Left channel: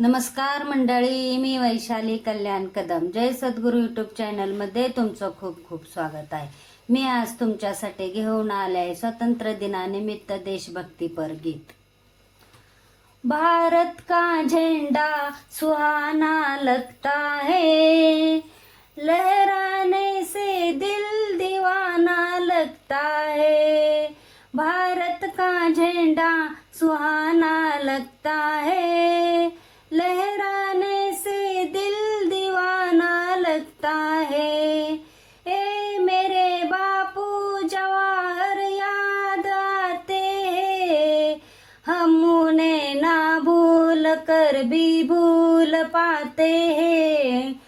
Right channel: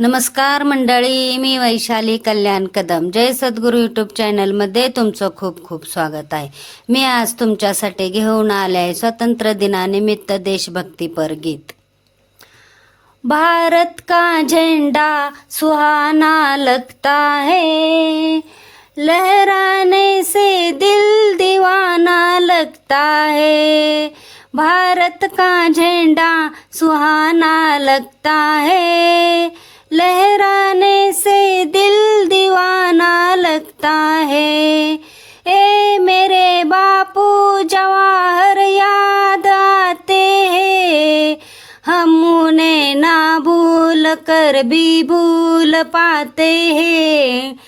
नमस्कार मंडळी मी वैशाली कल्याण कदम. जय सद्गुरू यूट्यूब चॅनलमध्ये तुमचं खूप खूप स्वागत आहे. मी आज तुमच्यासाठी घेऊन आले आहे स्वातंत्र्य दिनानिमित्त देशभक्तीपर गीत. भारत का झेंडा सुहाना लगता है? लहराने से दिल दीवाना लगता है. भारत का झेंडा सुहाना लगता है. हम उन्हें ना भूल कर भी भूल पाते हैं।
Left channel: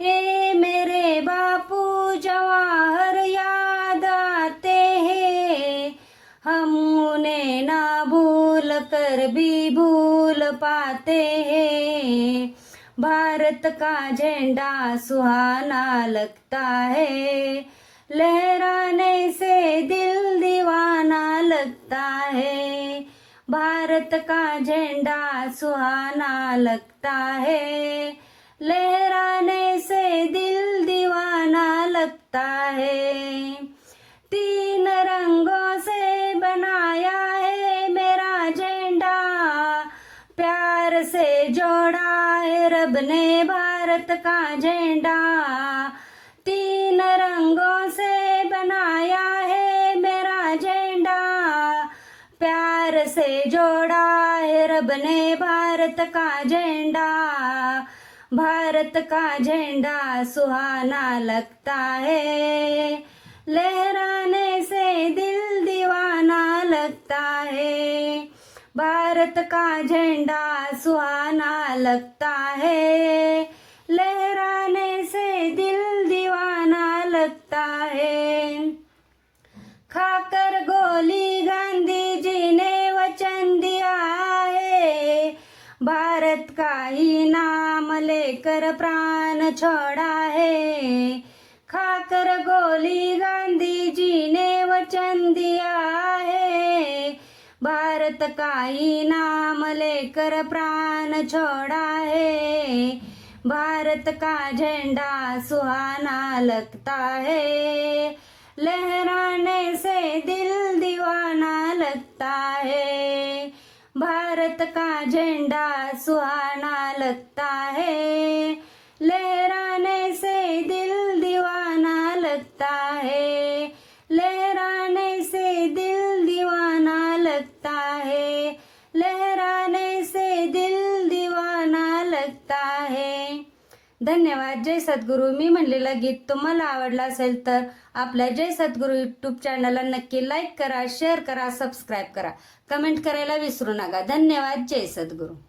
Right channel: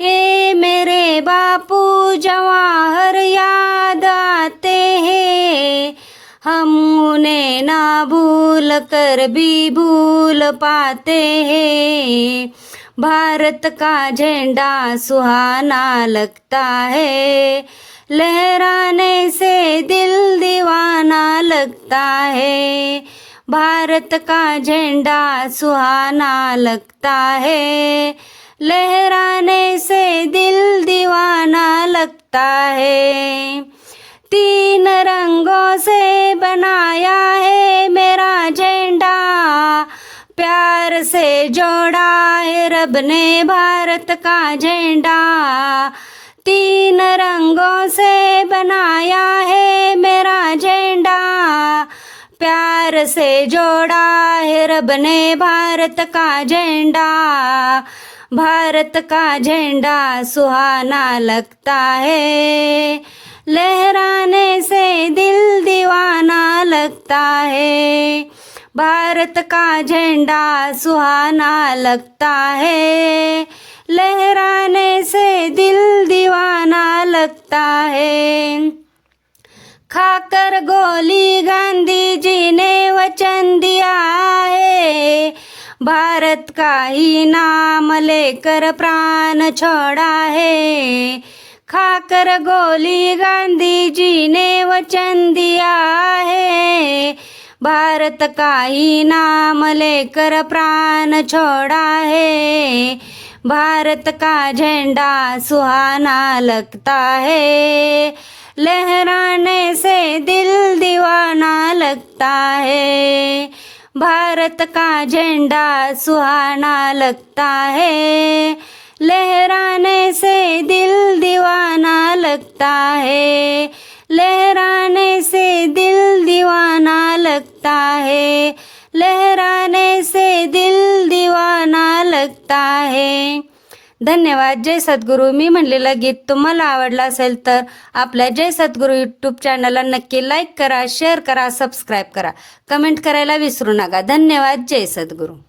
ए मेरे बापू जवाहर याद आते हैं। हम उन्हें ना भूल कर भी भूल पाते हैं। भारत का झंडा सुहाना लगता है। लहराने से दिल दीवाना लगता है। भारत का झंडा सुहाना लगता है। लहराने से दिल दीवाना लगता है। तीन रंगों से बनाया है मेरा झंडा। प्यार से जोड़ा है रब ने भारत का झंडा। तीन रंगों से बनाया है मेरा झंडा। प्यार से है रब ने भारत का झंडा, भारत का झंडा सुहाना लगता है। लहराने से दिल दीवाना लगता है। भारत का झंडा सुहाना लगता है। लहराने से दिल दीवाना लगता है। खाकर गोली गांधी जी ने भारत का ही नाम लेकर प्राण छोड़ा है। खाकर गोली गांधी जी ने वचन दिया है। भारत का ही नाम लेकर प्राण छोड़ा है। भारत का झंडा सुहाना लगता है। लहराने से दिल दीवाना लगता है। भारत का झंडा सुहाना लगता है। लहराने से दिल दीवाना लगता है। लहराने धन्यवाद. जय सद्गुरू. मी म्हणलेलं गीत तुम्हाला आवडलं असेल तर आपल्या जय सद्गुरू यूट्यूब चॅनलला नक्की लाईक करा शेअर करा सबस्क्राईब करा. कमेंट करायला विसरू नका. धन्यवाद. जय सद्गुरू.